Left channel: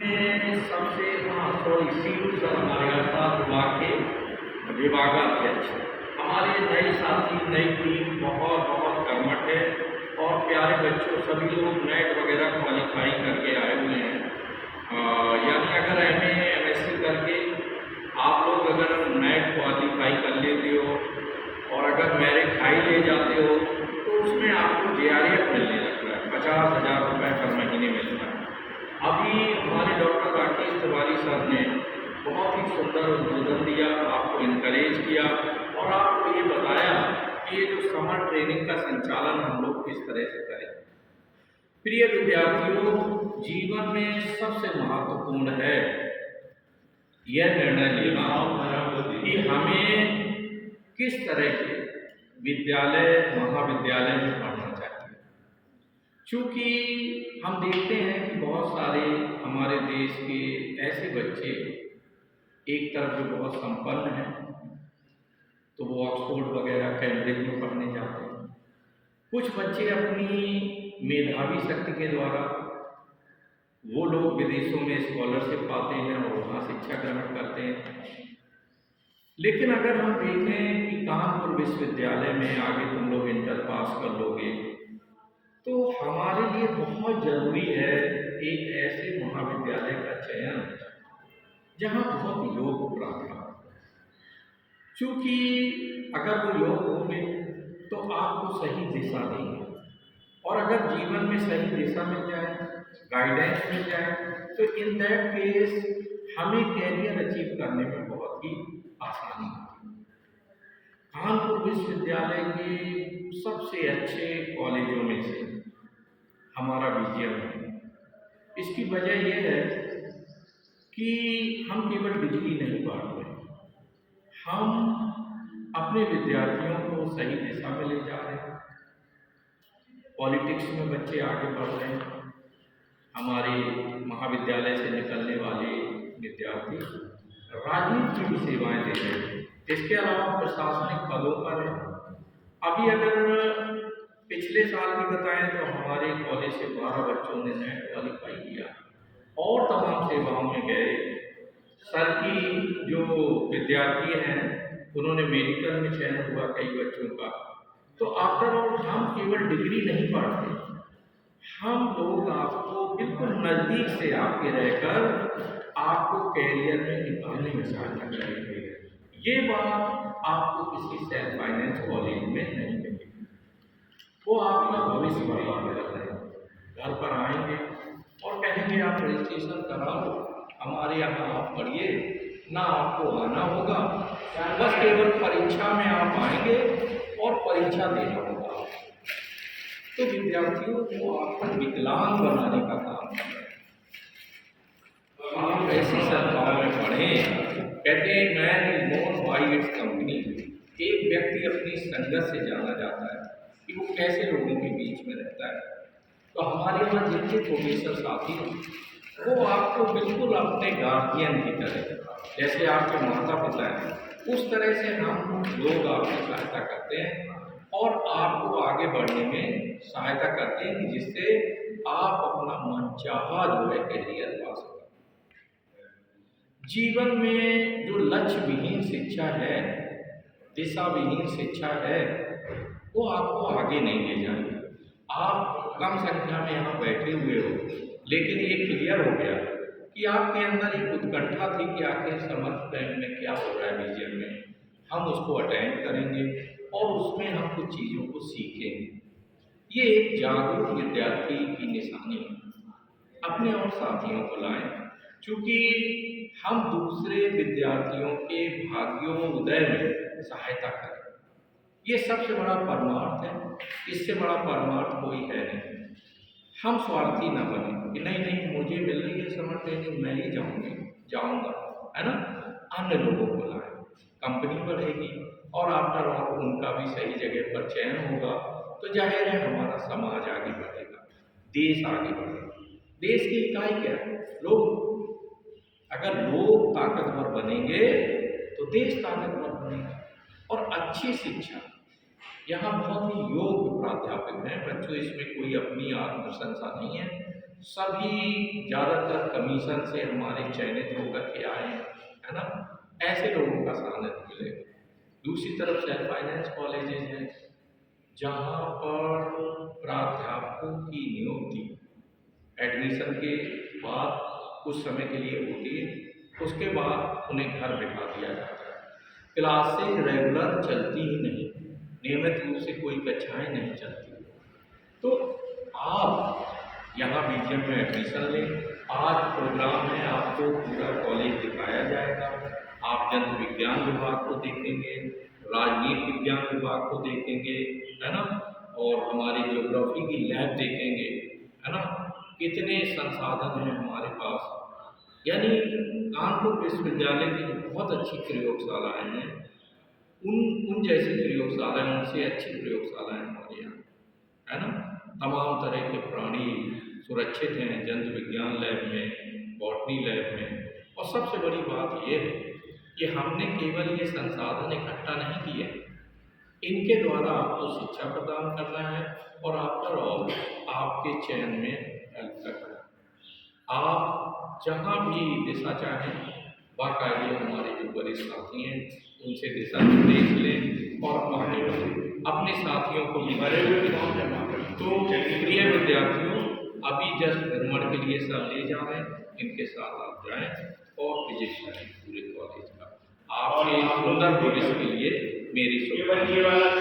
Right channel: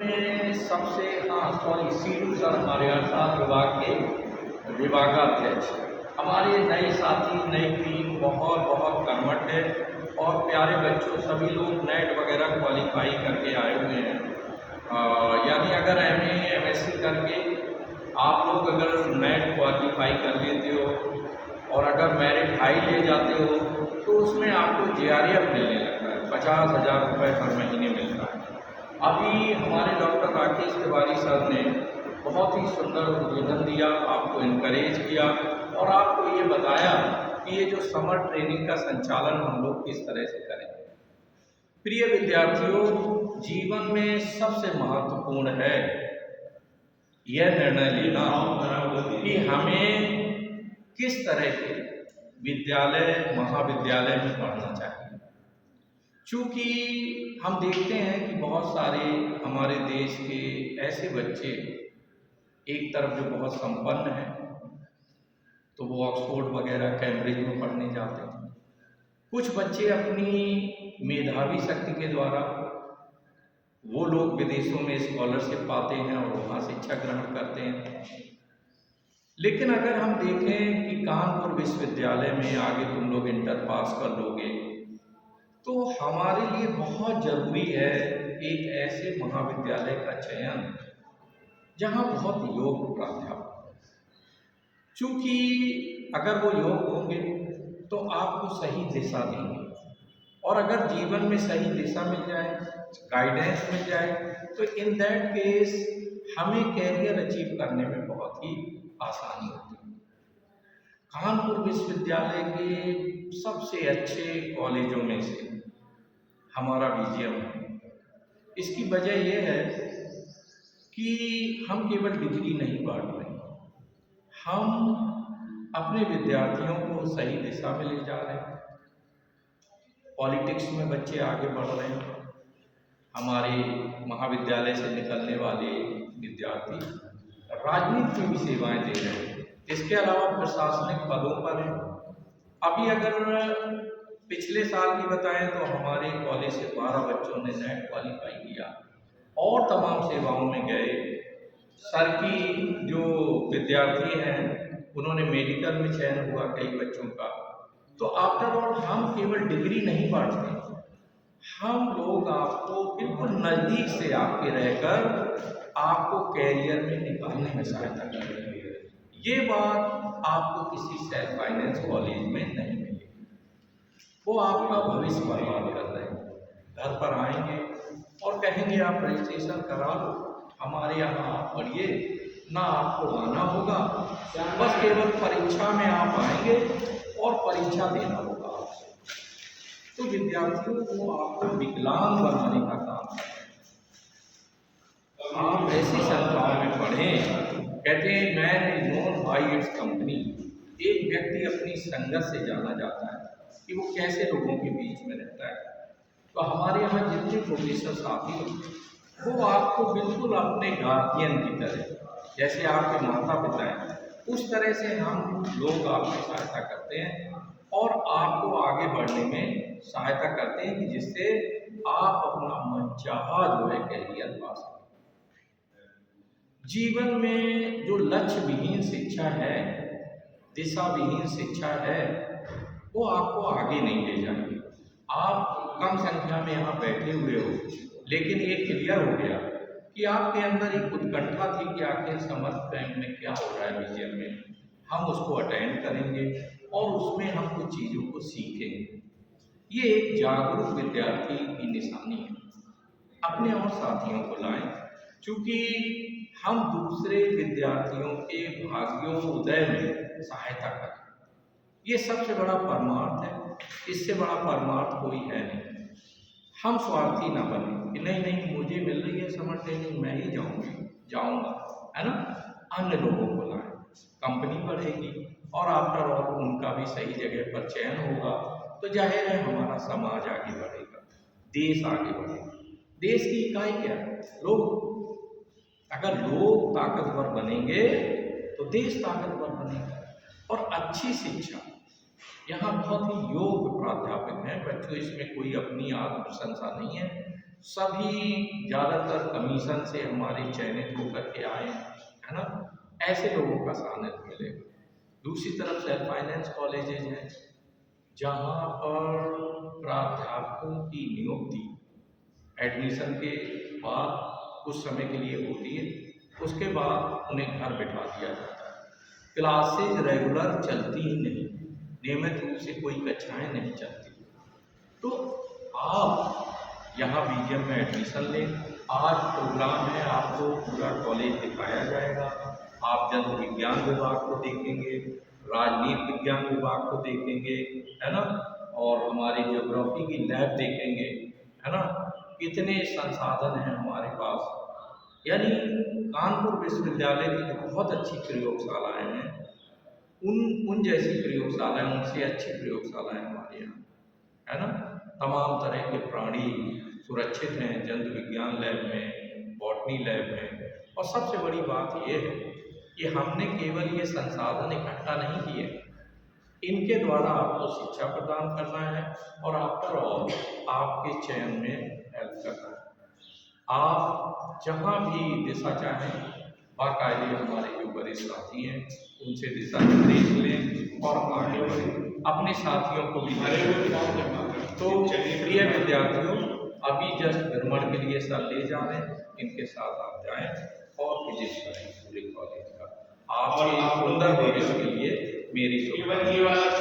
में सबसे sorry Silu sir हमारे अर्थात विभाग के विभागाध्यक्ष। हमारे नए साथी नई टीम बहुत बहुत कर्मठ है और प्यारे बच्चों सभी लोग नेट वगैरह क्वालिफाई करके आए हुए हैं। यानी अगर एमए एमएससी करके आप लोग अगर नेट क्वालिफाई कर लेते हो और अगर मेरिट हाई ले जाते हो तो उसमें आपको जेआरएफ मिलने लगता है, 50,000 रुपये हर महीने मिलता है। अभी हमारे डॉक्टर राकेश तिवारी सर ने बहुत ही सुंदर उद्बोधन दिया, आपको इनकरेज किया और आपको ये बताया कि ये जो समर ट्रेनिंग का संचालन हम लोग किस तरह से करें। प्रिय विद्यार्थियों, जीवन में सबसे महत्वपूर्ण है यह निर्णय लेना कि हमें किस तरह के विद्यालय महाविद्यालय में पढ़ना चाहिए। चूँकि हम देखते हैं कि बहुत सारे हमारे देश के ऐसे बच्चे एक तरफ जो बहुत संपन्न हैं तो वो ऑक्सफोर्ड वगैरह कैम्ब्रिज में पढ़ने जाते हैं। कुछ बच्चे अपनी मेधावी शक्ति के द्वारा वो लोग विदेशों में स्कॉलरशिप पाते हैं और वहाँ शिक्षा ग्रहण करते हैं। लेकिन अगर हम देखें कि कानपुर विश्वविद्यालय में आगे तुम लोग इंटर पास कर लोगे तो हमारे लिए बहुत ज़रूरी है एक ऐसे महाविद्यालय का चयन जहाँ बहुत योग्य प्राध्यापक। चूँकि अगर वो योग्य होंगे तो आपको सही दिशा देंगे और अगर जीवन में सही दिशा मिल जाए, गाइडेंस मिल जाए तो इन दैट केस हमें कैरियर अचीव करने में बहुत ही आसानी होती है। कानपुर विश्वविद्यालय के सबसे अच्छे कॉलेजों में से हमारा विजयम है। इसकी वजह यह है कि हम केवल डिग्री नहीं पढ़ रहे, हम अपने विद्यार्थियों को सही दिशा में ले जा रहे हैं। पॉलिटिक्स में बच्चे आगे बढ़ रहे हैं। हमारे महाविद्यालय से निकलने वाले विद्यार्थी राजनीति में भी सेवाएं दे रहे हैं। इसके अलावा प्रशासनिक पदों पर हैं। अभी अगर पिछले साल की बताएं तो हमारे कॉलेज से 12 बच्चों ने नेट क्वालिफाई किया और तमाम सेवाओं में गए। सर की जो विद्यार्थी हैं उन्होंने मेडिकल में चयन हुआ कई बच्चों का। तो आफ्टर ऑल हम केवल डिग्री नहीं पढ़ते, हम लोग आपको बिल्कुल नज़दीक से आपके रहकर आपको कैरियर में निकालने में सहायता करेंगे। ये बात आपको किसी सेल्फ फाइनेंस कॉलेज में नहीं मिलेगी। वो आपका भविष्य बर्बाद कर रहे हैं। घर पर आएंगे और कहेंगे आप रजिस्ट्रेशन करा लो, हमारे यहाँ आप पढ़िए, ना आपको आना होगा, बस केवल परीक्षा में आप आएंगे और परीक्षा देना होगा। तो विद्यार्थियों को आपको विकलांग बनाने का काम है। आप ऐसी संस्थाओं में पढ़ें। कहते हैं man is known by its company. एक व्यक्ति अपनी संगत से जाना जाता है कि वो कैसे लोगों के बीच में रहता है। तो हमारे यहाँ जितने प्रोफेसर साथी हैं वो आपको बिल्कुल अपने गार्जियन की तरह, जैसे आपके माता पिता हैं, उस तरह से हम लोग आपकी सहायता करते हैं और आपको आगे बढ़ने में सहायता करते हैं कि जिससे आप अपना मनचाहा जो है कैरियर पा सकें। जीवन में जो लक्ष्य विहीन शिक्षा है, दिशा विहीन शिक्षा है, वो आपको आगे नहीं ले जाएगी। आप कम संख्या में यहाँ बैठे हुए हो, लेकिन ये क्लियर हो गया कि आपके अंदर एक उत्कंठा थी कि आखिर समर कैंप में क्या हो रहा है विजन में, हम उसको अटेंड करेंगे और उसमें हम कुछ चीज़ों को सीखेंगे। ये एक जागरूक विद्यार्थी की निशानी है। अपने और साथियों को लाएं, क्योंकि हम दूसरे विद्यार्थियों के भाग्यों उदय में सहायता करें। ये सबसे बड़ा परमार्थ है, इससे बड़ा परमार्थ कोई है नहीं। हम स्वार्थी ना बने कि नहीं नहीं मुझे मिल रही है समर ट्रेनिंग, मैं ही जाऊँगा, है ना। अन्य लोगों को लाएं, कंपनी बढ़ेगी और आफ्टर ऑल उनका भी सही जगह पर चयन होगा तो जाहिर है हमारा समाज आगे बढ़ेगा, देश आगे बढ़ेगा। देश की इकाई क्या है? लोग। अगर लोग ताकतवर बनेंगे तो देश ताकतवर बनेगा। और अच्छी शिक्षा, यहाँ बहुत ही योग्य प्राध्यापक हैं बच्चों, इसमें कोई अपनी आत्म प्रशंसा नहीं है। सभी ज़्यादातर कमीशन से हमारे चयनित होकर के आए हैं, है ना। ऐसे लोगों का सानिध्य मिलेगा। दूसरी तरफ सेल्फ फाइनेंस कॉलेजेज हैं जहाँ पर प्राध्यापकों की नियुक्ति एडमिशन के बाद कुछ समय के लिए होती है, उसके बाद उन्हें घर बिठा दिया जाता है। क्लासेज रेगुलर चलती ही नहीं, नियमित रूप से कोई कक्षाएं नहीं चलती। तो आप यहाँ बीजीएम में एडमिशन लें। आज प्रोग्राम है, आपको पूरा कॉलेज दिखाया जाएगा। आप जंतु विज्ञान विभाग को देखेंगे, राजनीति विज्ञान विभाग को देखेंगे, है ना, और हमारी ज्योग्राफी की लैब देखेंगे, है ना। कितने संसाधन हैं हमारे पास। यानी कानपुर विश्वविद्यालय की जो बहुत अच्छी प्रयोगशालाएं हैं, उन जैसी प्रयोगशालाएं, उनसे अच्छी प्रयोगशालाएं हमारे यहाँ, है ना। तमाम तरह के प्राणी सुरक्षित हैं जंतु विज्ञान लैब में, बॉटनी लैब में। और सबसे बड़ी बात यह है कि हमने केवल ये संसाधन इकट्ठा नहीं किए, इनके द्वारा आपको शिक्षा प्रदान करना है और आफ्टर ऑल आपके चयन में हेल्प करना है। आप जहाँ भी दिशा चाहें, बाकायदे हमारे जो वरिष्ठ साथी हैं उनसे दिशा निर्देश लें और आगे बढ़ें, अपने साथियों को भी तो प्रिय विद्यार्थियों, अभी जस्ट भ्रमण के लिए सर ले जा रहे हैं, इनके साथ आप जाएं और विजिट करें पूरे कॉलेज का। आपके सुंदर भविष्य के लिए मेरी शुभकामनाएं।